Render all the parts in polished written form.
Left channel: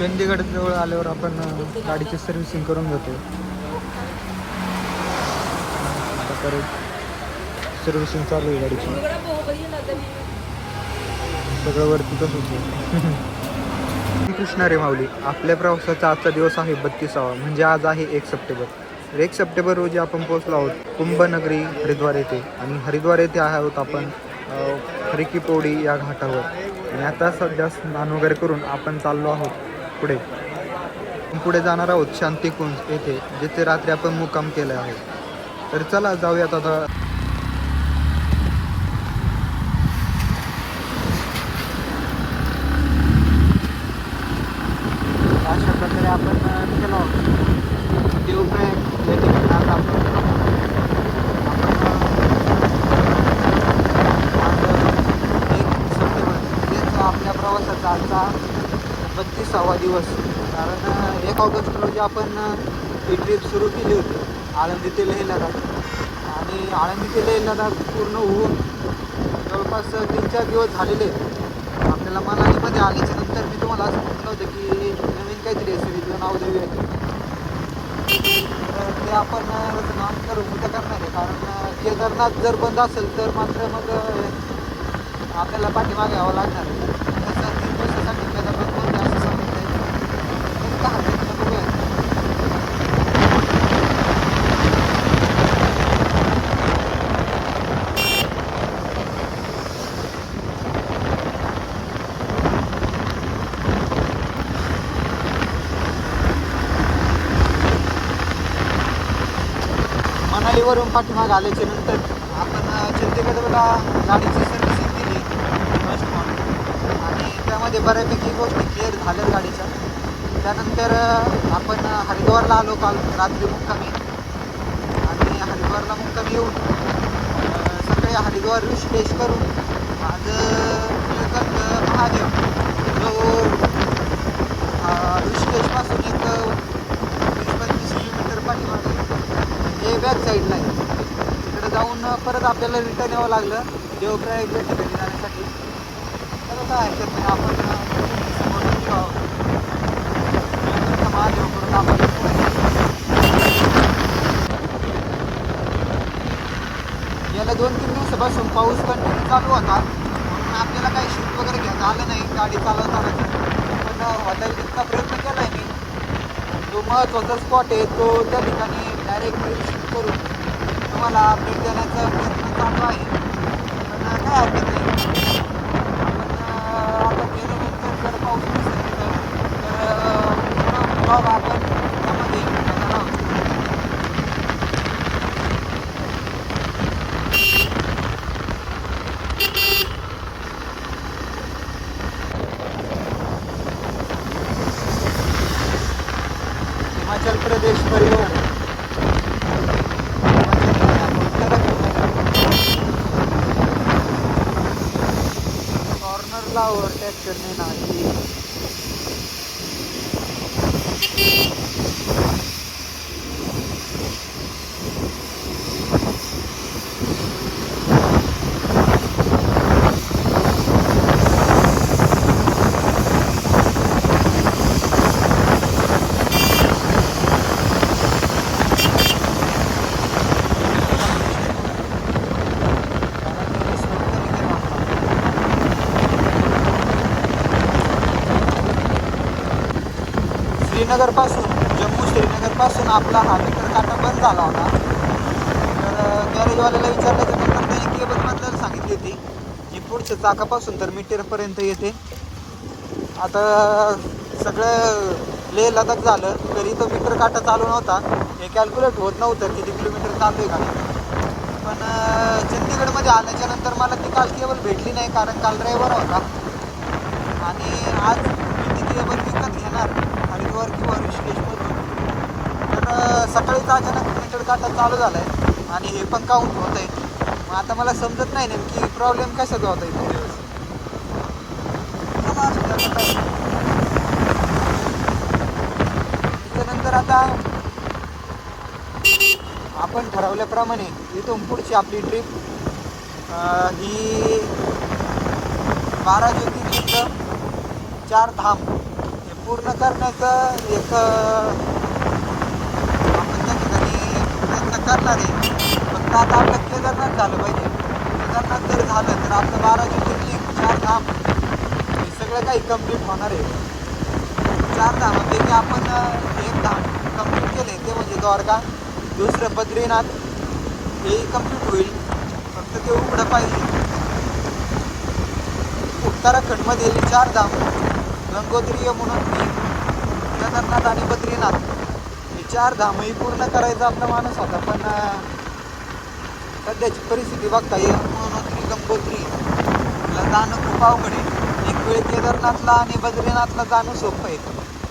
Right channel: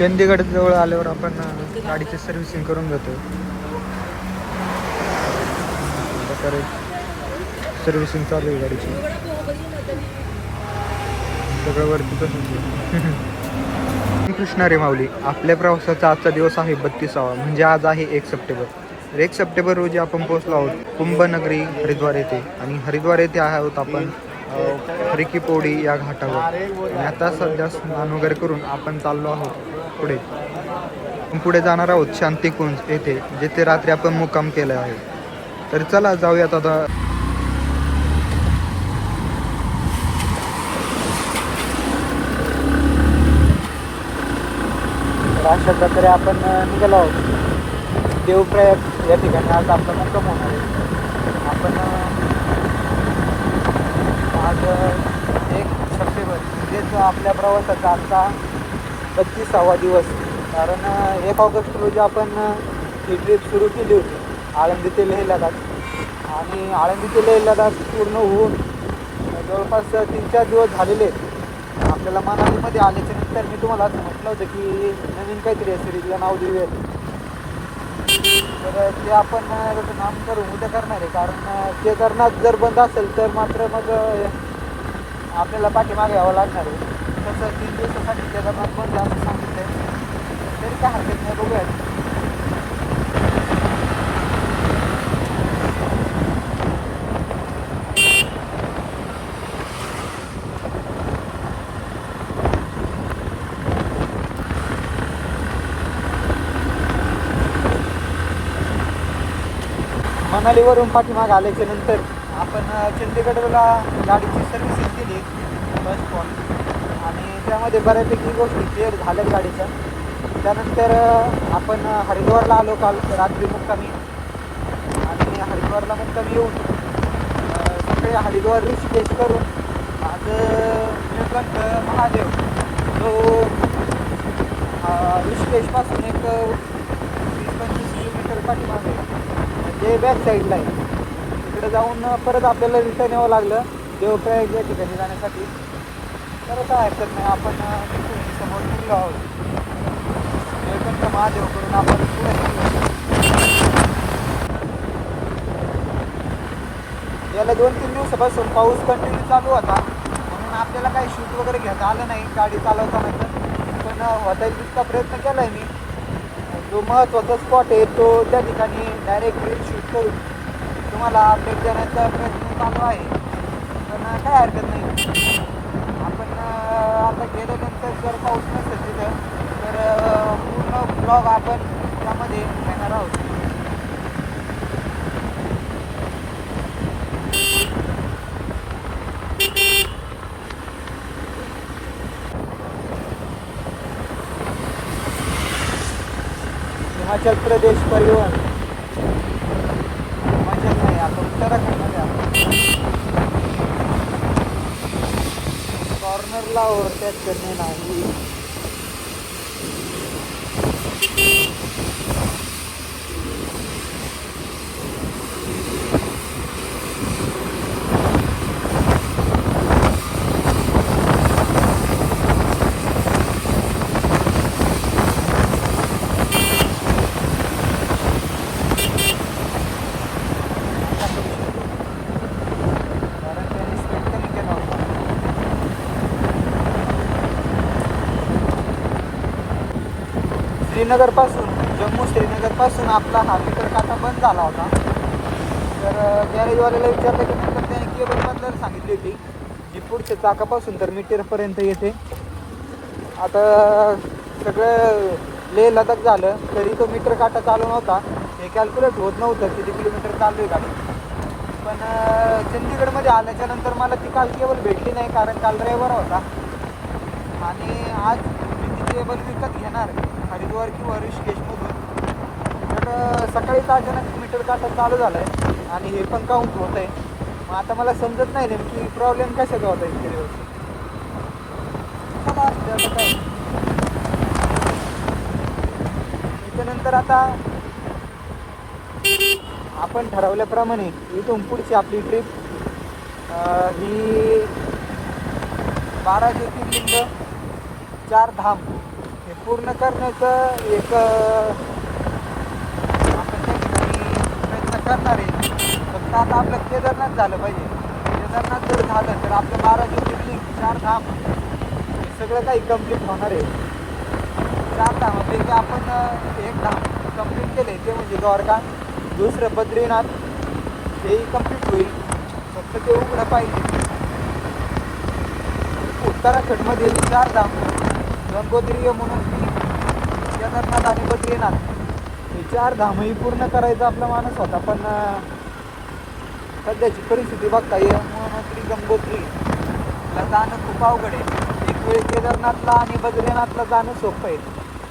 चंदीगड जवळ आल्यावर आपण गाडीची सर्व्हिसिंग करून घेतो. आता परत सर्व्हिसिंग चालू आहे गाडीची. सगळं वरती तसंच कृष्णा रे माऊली. आपल्या प्रवासाचा आजचा दिवस आहे 32वा, म्हणजे आज आहे 1 सप्टेंबर. 1 सप्टेंबर रोजी आपण पोहोचलो आहोत कुंभनगरी हरिद्वार येथे. आणि हरिद्वार येथे आहोत आपण हरिकी पौडी या घाटावर. आणि आता सध्या स्नान वगैरे करून आपण चाललो आहोत पुढे जाणार आहोत शांतिकुंज येथे, जिथे रात्री आपण मुक्काम केला आहे. तर चला जाऊयात आता. अशा प्रकारे आपण निघालो आहोत देवप्रयाग या ठिकाणी. आज आपला मुक्काम होणार आहे. आपण आज 1 सप्टेंबर म्हणजेच आपल्या प्रवासाचा आजचा 32वा दिवस. कारण 1 ऑगस्ट रोजी आपण ही ट्रिप सुरू केली होती आळंदी ते लेह लडाख. आणि आळंदी ते लेह लडाख पूर्ण होऊन जवळपास 3-4 दिवस झालेले आहेत. आपल्याला मनालीमध्ये आल्याच्या नंतर मी तुम्हाला असं म्हटलं होतं की नवीन काहीतरी सिरीजला नाव देऊया. तर ते आपण नाम करून उद्या करणार आहे. कारण केदारनाथ जर बंद असेल तर मात्र मग आपल्याला पाठीमागे यावं लागणार आहे. तसं 3 दिवसासाठी केदारनाथ बंद आहे असं सांगितलं आहे. तरी काय हरकत नाही, बघूया. मनालीवरून पाठीमाग आल्याच्या नंतर आपण चंदीगडला गाडीची सर्व्हिसिंग केली फर्स्ट फोन. आणि त्यामध्ये बऱ्यापैकी गोष्टी क्लिअर झाल्यात गाडीच्या. त्यानंतर आपण हरिद्वारला आलो काल रात्री मुक्कामी. आणि हरिद्वारला मुक्कामी येऊन सकाळी हरिद्वार ऋषिकेश करून आज निळकंठ महादेव जो ऋषिकेशपासून एक 20-25 किलोमीटर पाठीमागे म्हणजे बॅक साईडला आहे. तिकडे जाऊन परत आपल्याला रिटर्न यावं लागलं देवप्रयाग या ठिकाणी जाण्यासाठी. तर काय हरकत नाही, आपण तिथून समोर निघलो आहोत. निळकंठ महादेव करून आपण पुढे निघलो. याला 2-3 दिवसापासून पाऊस कंटिन्यू चालू होता, म्हणून आपल्याला काही शूट वगैरे घेता आलं नाही गाडी चालवताना. पण होता येईल तितका प्रयत्न केला आहे मी. जो महत्त्वाचा स्पॉट आहे तो त्या ठिकाणी डायरेक्ट रील शूट करून तुम्हाला अपडेट देण्याचा प्रयत्न चालू आहे. पण काय हरकत नाही. आपण आता गेल्यानंतर जर पाऊस नसेल तिथं तर पूर्ण ब्लॉग आपण त्यामध्ये घेणार आहोत. हिमाचल प्रदेश परिवहन. हिमाचल नाही, आपण उत्तराखंडमध्ये आपण कॉर्नरला ओव्हरटेक करणे नाही. श्रीनगरपासून आपला हा मीटर काटा बंद झाला होता. तर गॅरेजवाल्याला विचारल्याच्या नंतर त्याने केबल बदलायला सांगितली होती, जी पुढच्या चाकापासून तर मीटरपर्यंत येते. आता सगळं लेह लडाख झालं तरी तो मीटर काटा चालू नव्हता. हे कॅल्क्युलेट होत नव्हतं किती किलोमीटर चालू आहे गाडी. पण चंदीगडमध्ये आल्याच्या नंतर मला ती काल केबल भेटली नाही, कारण काल रविवार होता. आणि आज मी ती केबल विकत घेणार हरिद्वार किंवा ऋषिकेशमधून. तर सकाळीच अचानक मीटर काटा चालू झाला आहे आणि हे पण काउंट होत आहे. मग आता मला समजत नाही नेमकी प्रॉब्लेम कशाचा होता इतके दिवस. त्याच्यानंतर आता आपण ठरवल्याप्रमाणे इथून पुढची आपली ट्रिप ही 12 ज्योतिर्लिंग 4 धाम हे पूर्ण करण्याचं एक आपण त्या ठिकाणी प्रयत्न करणार आहे. फक्त आता आपलं केदारनाथ झालं पाहिजे. केदारनाथ जर झालं तर आपलं 12 ज्योतिर्लिंग 4 धाम हे सगळं काही कम्प्लीट होणार आहे. 4 धामापैकी आपण एक धाम कम्प्लीट केले ते म्हणजे द्वारका. दुसरं बद्रीनाथ हेही कम्प्लीट होईल. फक्त ते उघडं पाहिजे. उत्तराखंडमधील 4 धाम गंगोत्री, यमुनोत्री, केदारनाथ आणि बद्रीनाथ हे 4 धामही पूर्ण करायचा आपला मानस होता. पण सध्याची परिस्थिती बघता यमुनोत्री गंगोत्रीला जाणं खूप अवघड आहे. एक वेळ केदारनाथला आणि बद्रीनाथला जाणं सोपं आहे,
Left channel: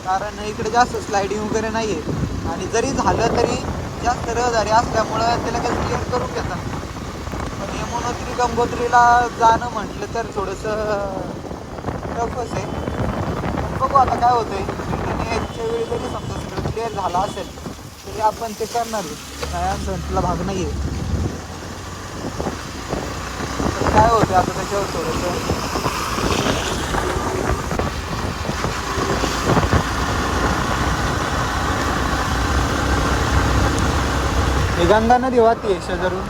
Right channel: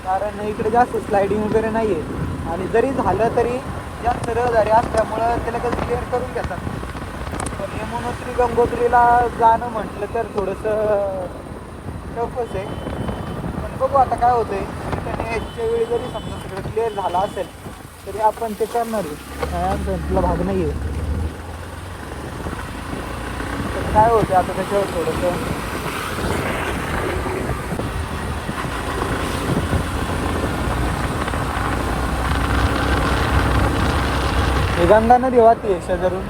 कारण इकडे जास्त स्लायडिंग वगैरे नाही आहे. आणि जरी झालं तरी जास्त रहदारी असल्यामुळं ते लगेच क्लिअर करून घेतात. पण यमुनोत्री गंगोत्रीला जाणं म्हटलं तर थोडंसं टफच आहे. पण बघू आता काय होतं आहे. रिटर्न यायच्या वेळी जरी समजा सगळं क्लिअर झालं असेल तरी आपण ते करणार आहे. काय आमचा भाग नाही आहे. तर काय होतं आता त्याच्यावर थोडंसं ही गंगा नदी वाहते शेजारून.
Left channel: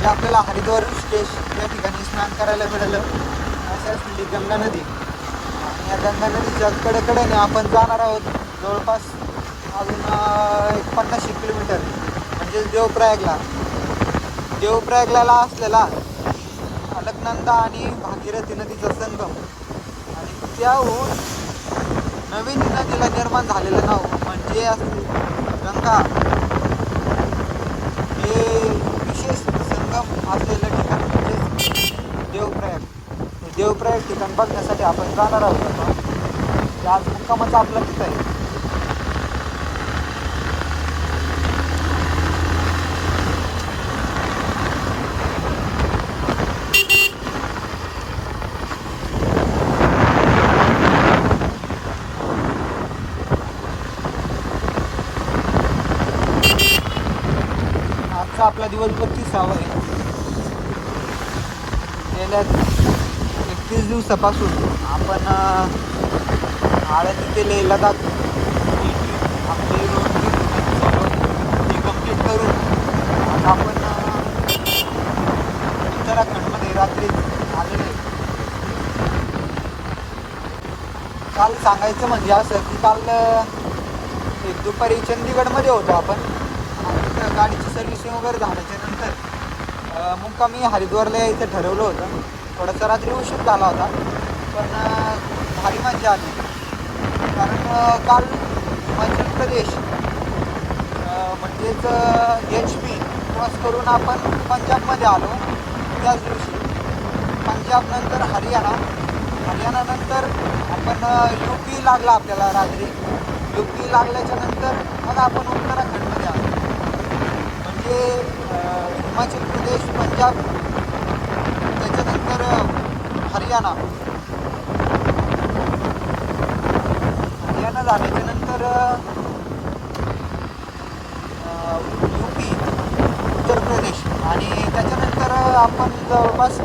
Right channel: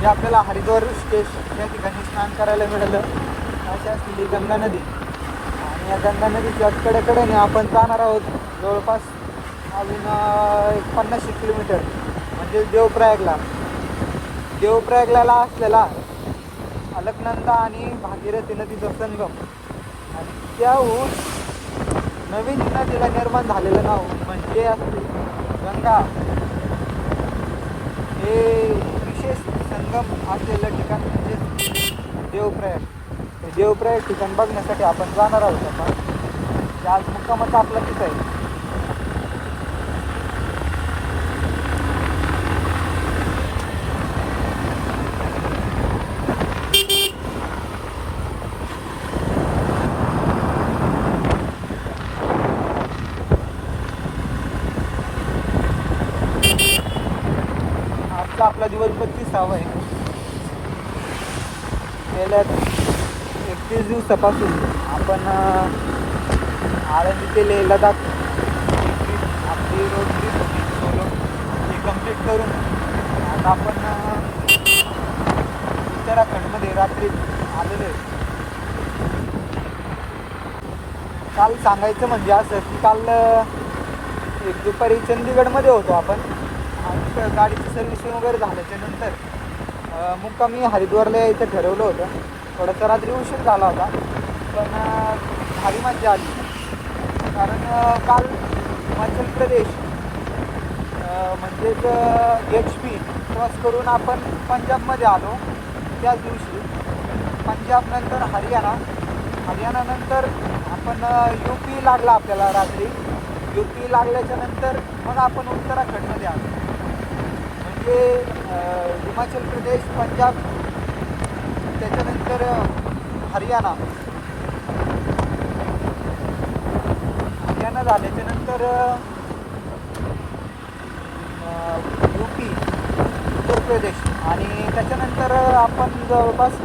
जे आपल्याला हरिद्वार ऋषिकेश त्या ठिकाणी स्नान करायला मिळालं अशी असलेली गंगा नदी. आणि या गंगा नदीच्या कडेकडेने आपण जाणार आहोत जवळपास अजून एक 50 किलोमीटर म्हणजे देवप्रयागला. देवप्रयागला असलेला अलकनंदा आणि भागीरथी नदीचा संगम आणि त्याहून नवीन नदीला निर्माण झालेलं नाव म्हणजे असते गंगा. हे विशेष संगम असलेलं ठिकाण म्हणजे देवप्रयाग. हे देवप्रयाग ठिकाण बघण्यासाठी आपण जाणार आहोत. आता जे आज मुक्कामाचा आपला तिथं आहे. आजचा आपला दिवस 35वा आहे. गेल्या 31 दिवसापासून आपण आळंदी ते लेह लडाख ही ट्रिप आपली रोड ट्रिप होती सोलो ती कंप्लीट करून आता आपण उत्तराखंडमध्ये रात्री आलेले. काल सांगायचं म्हणजे असं की काल एक दुपारी चंदीगडमध्ये होतो आपण. तिथं गाडीची सर्व्हिसिंग वगैरे झाल्याच्या नंतर मुक्कामी हरिद्वारला यायचं ठरवलं होतं. थोडासा रात्री उशीर झाला होता पण भारी मजा आली. कारण काल हिमाचल प्रदेश म्हणजेच HP क्रॉस करून आपण पंजाबमध्ये आलो. त्याच दिवशी पंजाबनंतर हरियाणानंतर आपण UP लागला आपल्याला रात्री. UP लागल्याच्या नंतर मग आपण उत्तराखंडमध्ये आलो. म्हणजे हिमाचल प्रदेश, पंजाब, त्याच्यानंतर हरियाणा झाल्याच्या नंतर UP, उत्तर प्रदेश आणि त्याच्यानंतर आपण जवळपास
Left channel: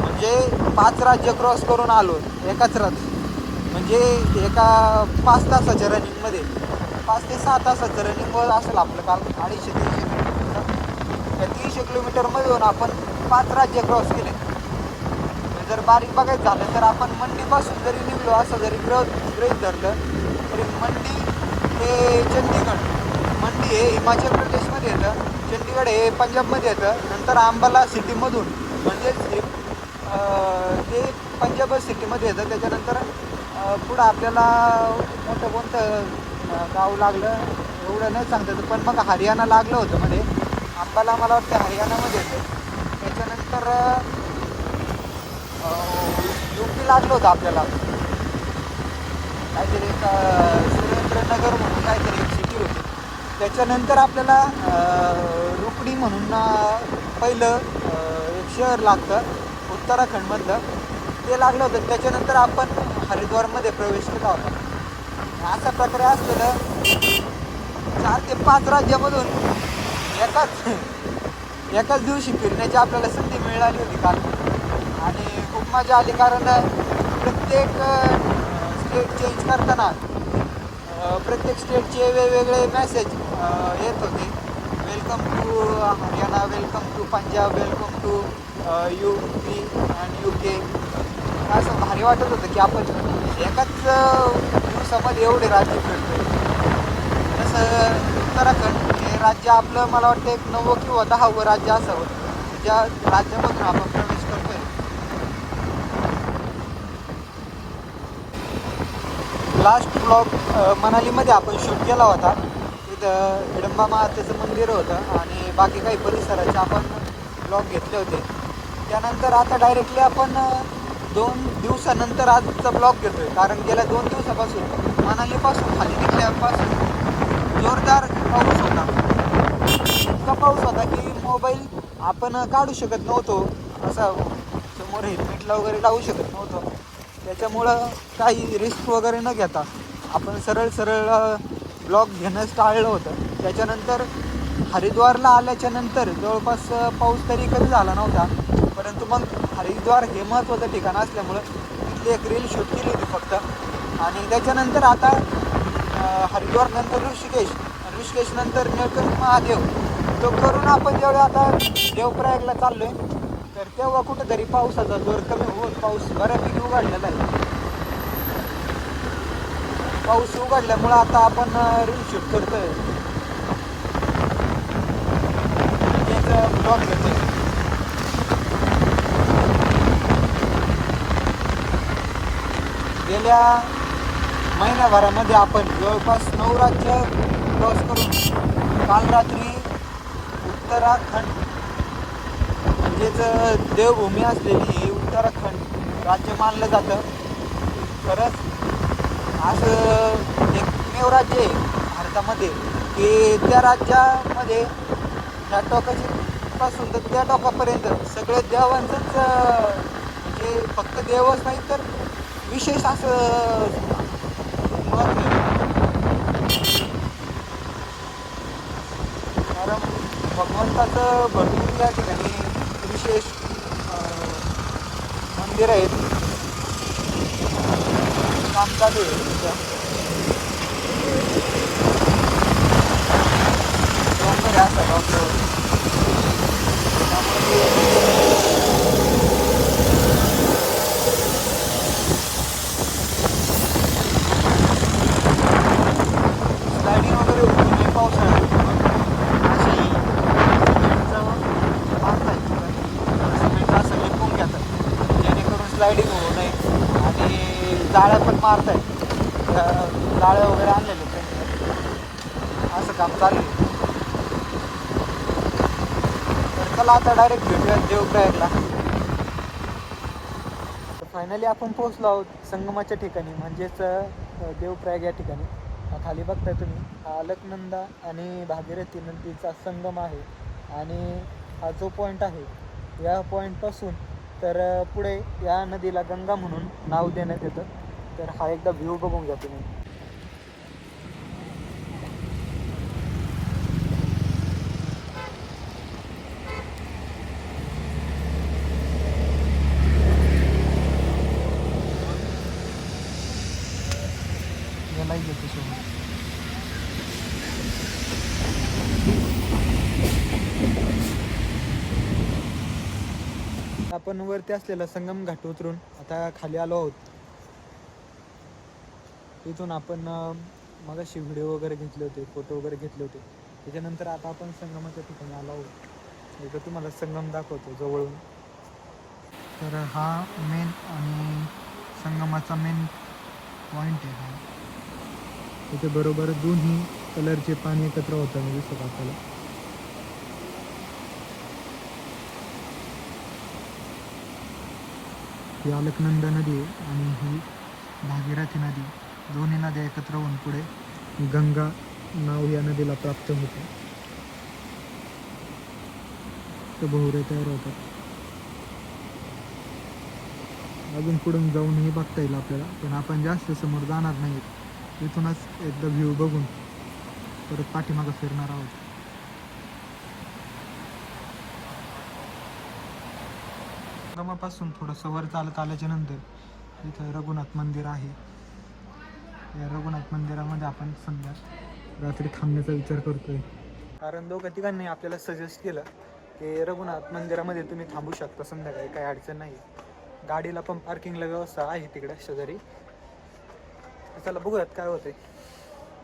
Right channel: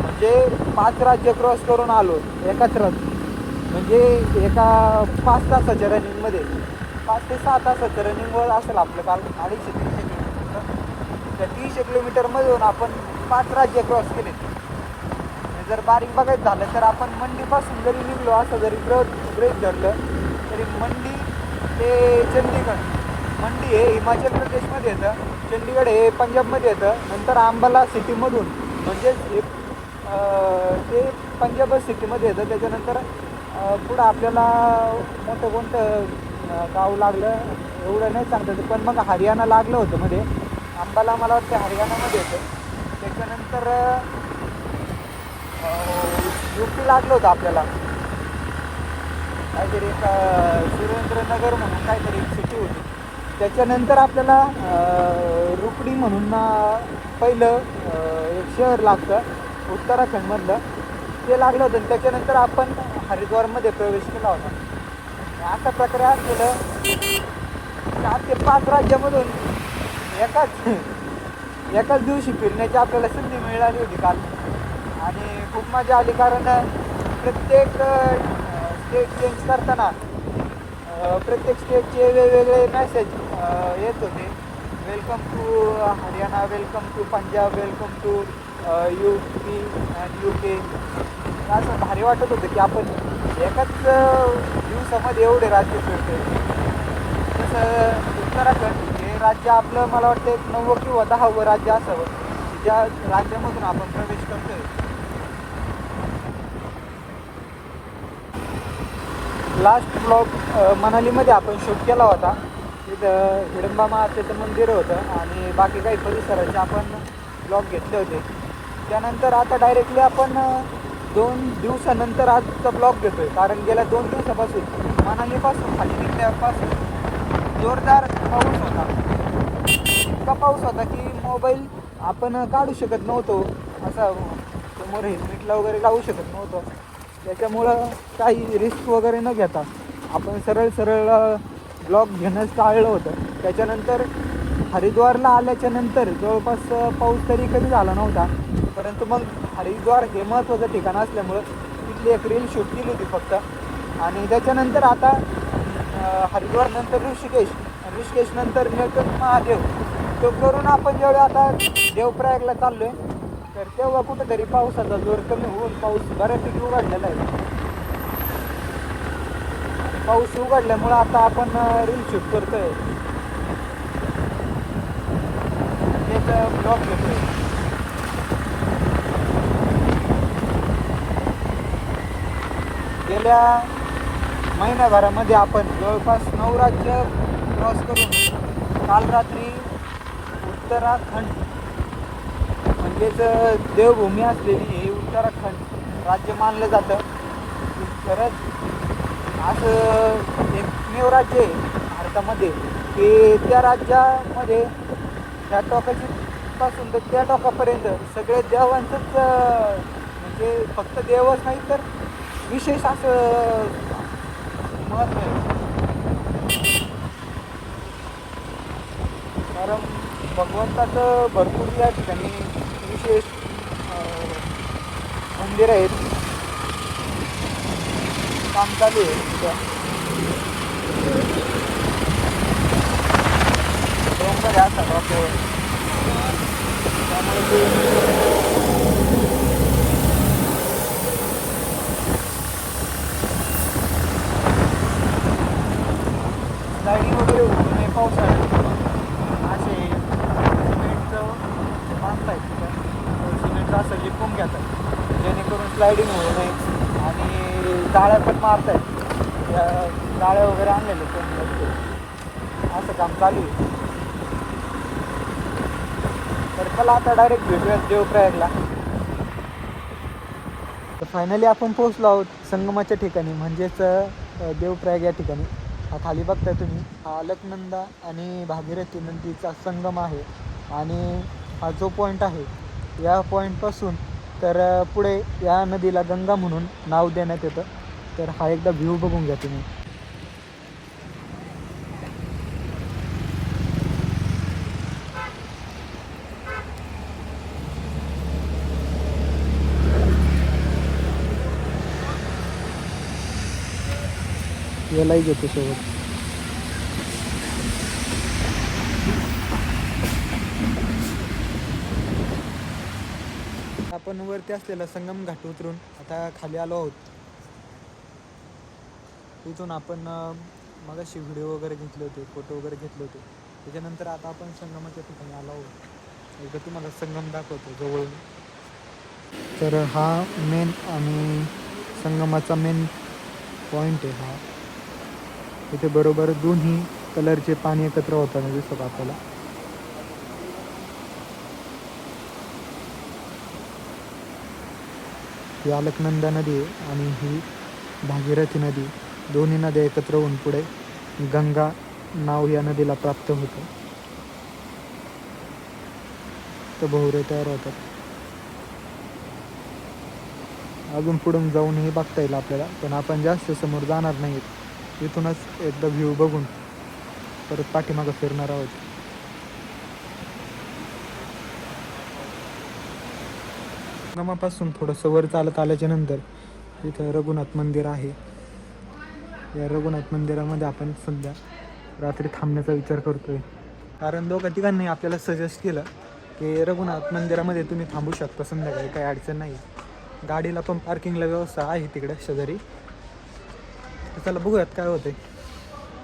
म्हणजे 5 राज्य क्रॉस करून आलो एकाच रात्री. म्हणजे एका 5 तासाच्या रनिंगमध्ये 5 ते 6 तासाचं रनिंगवर असेल आपलं काल 250-300 किलोमीटर. त्या 300 किलोमीटरमधून आपण 5 राज्य क्रॉस केले. जर बारीक बघायचं झालं तर आपण मंडीपासून जरी निघलो असं जरी गृहीत धरलं तरी मंडी ते चंदीगड. मंडी हे हिमाचल प्रदेशमध्ये येतं, चंदीगड हे पंजाबमध्ये येतं. नंतर अंबाला सिटीमधून म्हणजेच हे ते पंजाब सिटीमध्ये येतं. त्याच्यानंतर पुढं आपल्याला मोठं कोणतं गाव लागलं एवढं नाही सांगता येतं, पण मग हरियाणा लागलं होतं मध्ये. अंबाला मला वाटतं हरियाणामध्ये येतं. त्याच्यानंतर UP लागलं होतं आपल्याला. काहीतरी एक सुरेंद्रनगर म्हणून काहीतरी एक सिटी होती. त्याच्यानंतर आपल्याला रुकडी म्हणून पहिलं एक शहर लागतं उत्तराखंडमधलं, ते लागलं होतं. त्याच्यानंतर आपण हरिद्वारमध्ये प्रवेश केला होता. अशा प्रकारे असलेलं 4 ते 5 राज्यामधून एकाच दिवशी फिरण्याची आपल्याला संधी मिळाली होती काल. आणि खूप मजा आली कारण प्रत्येक स्टेट चेंज करताना प्रत्येक स्टेटचे वेगवेगळे मेसेज येत होते. Welcome to Haryana, welcome to Punjab, welcome to UP and UK. असं भारी वाटत होतं की आपण एकाच दिवसामध्ये एवढे राज्य फिरतोय. जसं उत्तराखंड हे राज्य आपलं मला वाटतं एक 9वं किंवा 10वं राज्य असावं ज्या राज्यामधून आपण प्रवेश करतोय. लास्ट ब्लॉग मनालीमध्ये आपण शूट केला होता. तिथं हिडंबा मातेचं मंदिर होतं आणि बाकी काही परिसराचे आपण ब्लॉग घेतले होते. त्यानंतर आता डायरेक्टली आपण 2 दिवसानंतर आजचा ब्लॉग घेतोय. कारण गेल्या 2 दिवसापासून मनालीपासून खाली निघल्यापासून जोरदार पाऊस होता. इतका पाऊस होता की मोबाईल आपण काढू शकत नव्हतो. असा समोर हेल्मेटला वगैरे लावू शकत नव्हतो. त्याच्यामुळं काही रिस्क वगैरे न घेता आपण सरळ ब्लॉग घेणं टाळलं होतं. त्याच्यानंतर हरिद्वारला आल्याच्या नंतर जवळपास पाऊस तरी कमी झाला नव्हता. परंतु मग हरिद्वार हे महत्त्वाचं ठिकाण असल्यामुळं तिथली एक रील शूट केली होती फक्त. आणि त्याच्यानंतर आता हरिद्वार नंतर ऋषिकेश नंतर निळकंठ महादेव तो करून आपण जेवढे आता देवप्रयागला चाललो आहे तर तेव्हा कुठंतरी पावसाचा जोर कमी होऊन पाऊस बऱ्यापैकी उघडलेला आहे. पाऊस उघडल्यामुळं आता आपण रील शूट करतोय, त्याचा ब्लॉग घेतोय. गेल्या महिन्याभरामध्ये आपण जवळपास 9 राज्य क्रॉस करून काल रात्री उत्तराखंड म्हणजेच देवभूमी असलेली हे उत्तराखंड राज्य मानलं जातं. खरंच असं एकमेव राज्य आहे भारतामध्ये की त्या राज्यामध्ये ह्या टोकाची पासून तर त्या टोकापर्यंत सगळे देवांचंच म्हणजे फक्त देवच नाही तर विशेष असं महत्त्व आहे. कारण भगवंताचं भरपूर या ठिकाणी विशेष मंदिर आहेत. काम चालू आहे तिथं. डोंगर असतात डोक्यावर त्यामुळे ते स्लायडिंग वगैरे होऊ नये पावसाळ्यात म्हणून असे सिमेंटचं जे बांधताय तिथं सिमेंट असं लिपून घेतात जेणेकरून स्लायडिंग होऊ नये. आणि जाळ्या पण मारत आहेत. त्या जाळ्या वगैरे आणलेले त्यांनी असं काम चालू आहे. तर चला आता डायरेक्ट भेटूयात देवप्रयागला. तर फायनली आपण पोहोचलो आहोत संगमाच्या ठिकाणी म्हणजेच देवप्रयाग या ठिकाणी. हा खाली बघताय तुम्ही हा अलकनंदा आणि भागीरथी नदीचा संगम आहे. आणि हा जो पॉईंट आहे या पॉईंटपासून तर पुढे या नदीला गंगा म्हणून नाव देण्यात येतं. तर हा एकदा व्ह्यू बघून घ्या तुम्ही. यालाही घेतो सोबत. आपण वरती असलेला संगम घाट उतरून आता खाली आलो आहोत. तिथून आपण मगाशी व्हिडिओ वगैरे घेतले होते, फोटो वगैरे घेतले होते. त्याच्यानंतर आता आपण संगमाच्या ठिकाणी आलो आहोत. इथं तुम्हाला संगम दाखवतो जवळ. तर हा मेन आणि संगमाचा मेन पॉईंट आहे हा. इथे बरोबर दोन्ही कलरचे पाणी एकत्र होताना दिसत आपल्याला. ही अलकनंदा नदी आहे आणि ही भागीरथी नदी दोन्ही नद्या एकत्र होऊन पुढे गंगा नाव या नदीला प्राप्त होते. तर भोवरे तयार होतात. अजून पुढून जाऊनही बघता येईल आपल्याला पण आपण जास्त समोर जाणार नाहीत. इथूनच एकदा व्ह्यू बघून परत पाठीमागं फिरणार आहोत. संगमापासून थोडंसं वर चालत आल्याच्या नंतर इथं रघुनाथ मंदिर आहे. या रघुनाथ मंदिरामध्ये आपण सध्या रात्री थांबण्याचा विचार करतोय. कारण दोघं तिघांनी आपल्याला सजेस्ट केलं की रघुनाथ मंदिरामध्ये तुम्ही थांबू शकता संध्याकाळी, काही अडचण नाही. गाडीला पण पार्किंगला व्यवस्था आहे तिकडे शेजारी. तर चला बघूयात काय होते.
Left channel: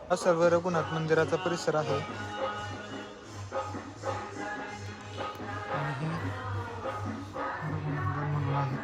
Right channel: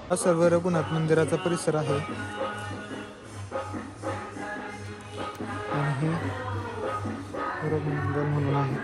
हा सर्व रघुनाथ मंदिराचा परिसर आहे. आणि हे रघुनंदन म्हणून आहे.